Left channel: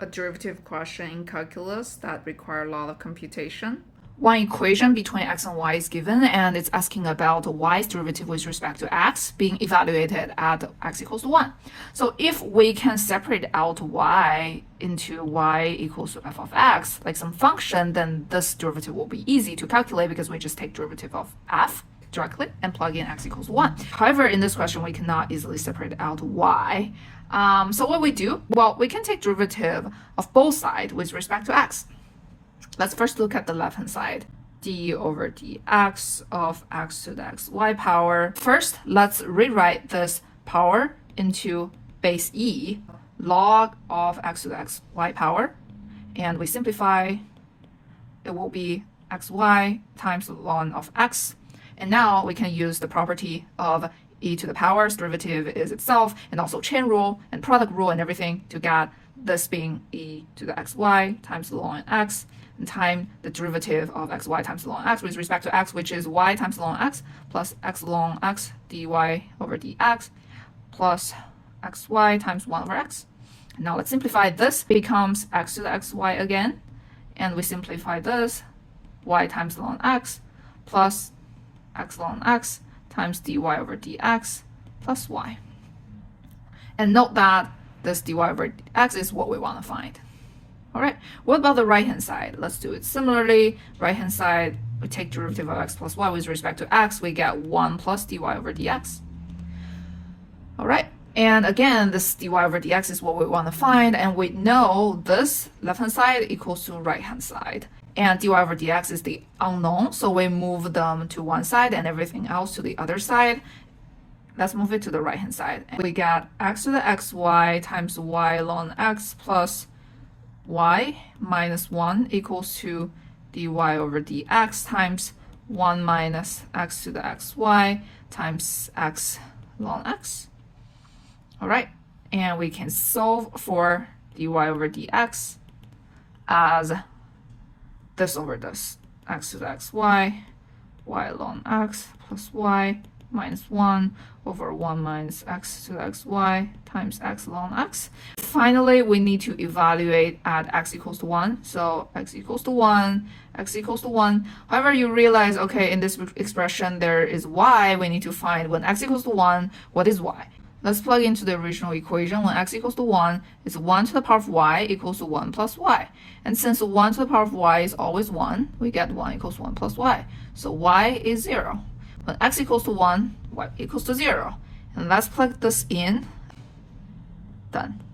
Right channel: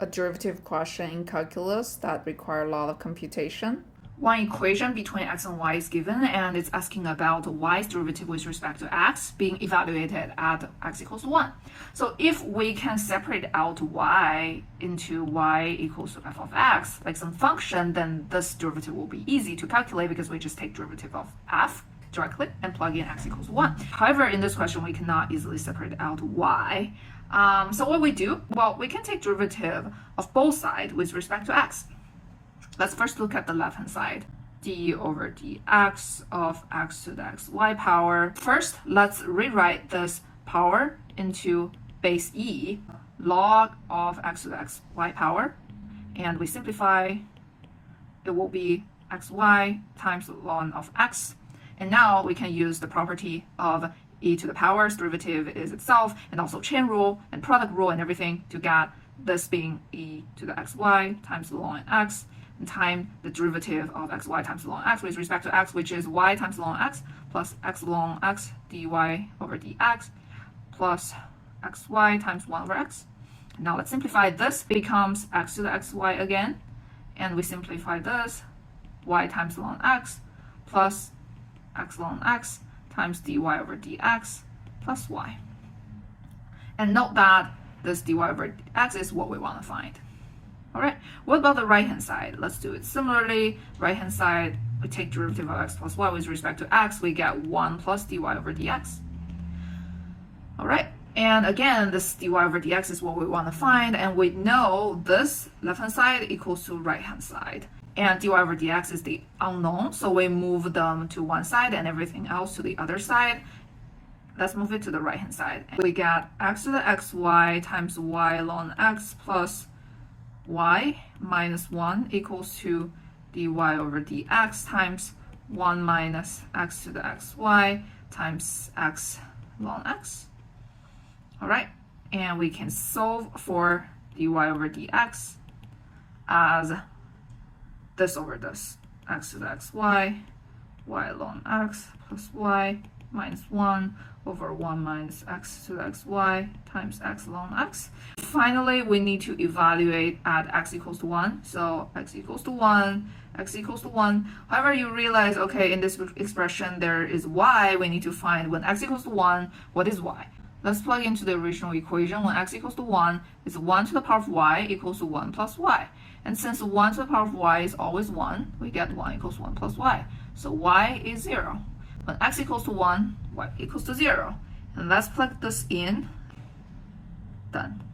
a derivative question in calculus that require a lot of computation. One equation between x and y is given, and it's asking about y's derivative with respect to x being evaluated at x equals to 1. So if we can separate out y into y equals to f of x, like some function, then this derivative will be easy to calculate because we just take derivative of f directly and plug in x equals 1. However, in this question, we cannot easily separate out y. So what we do? Well, we can take derivative of both sides with respect to x. Let's first look at the left-hand side. D over dx of x to the xy power. First, let's rewrite this power into base e, log of x to the xy power. And we simplify. It will be xy times ln of x. And now we can use the property of e to the power's derivative is itself, and also chain rule and product rule and everything to get this being e to the xy times ln x, and time the derivative of xy times ln x with respect to x, which is y times ln x plus x ln x dy over dx plus xy times 1 over x. Now let's simplify. This becomes x to the xy again, and we simplify this, y times ln x plus x ln x times dy over dx plus y. And note that this dy over dx is what we want to find. All right, what about the right-hand side? Let's do it similarly. Right-hand side, we take derivative of x plus y with respect to x. We get 1 plus dy over dx. All right, and again, this dy over dx is what we want to find. And we know this left-hand side equals to right-hand side. And dy over dx is the unknown, so we move them to one side and everything else to the other side. Let's move it to the right-hand side. And we get x to the xy times y ln x plus y minus 1 equals to dy over dx times 1 minus x to the xy times x ln x. All right, and we can solve for dy over dx as this over this, x to the xy, y ln x plus y minus 1 over 1 minus x to the xy times x ln x. Finally, we need to evaluate at x equals to 1. So x equals to 1, x equals to 1. However, you realize, okay, in this expression, there is y. We need to find when x equals to 1, what is y? Let's plug into the original equation. When x equals to 1, it's 1 to the power of y equals to 1 plus y. And since 1 to the power of y is always 1, we get 1 equals 1 plus y. So y is 0. When x equals to 1, y equals to 0. And let's plug this in. Done.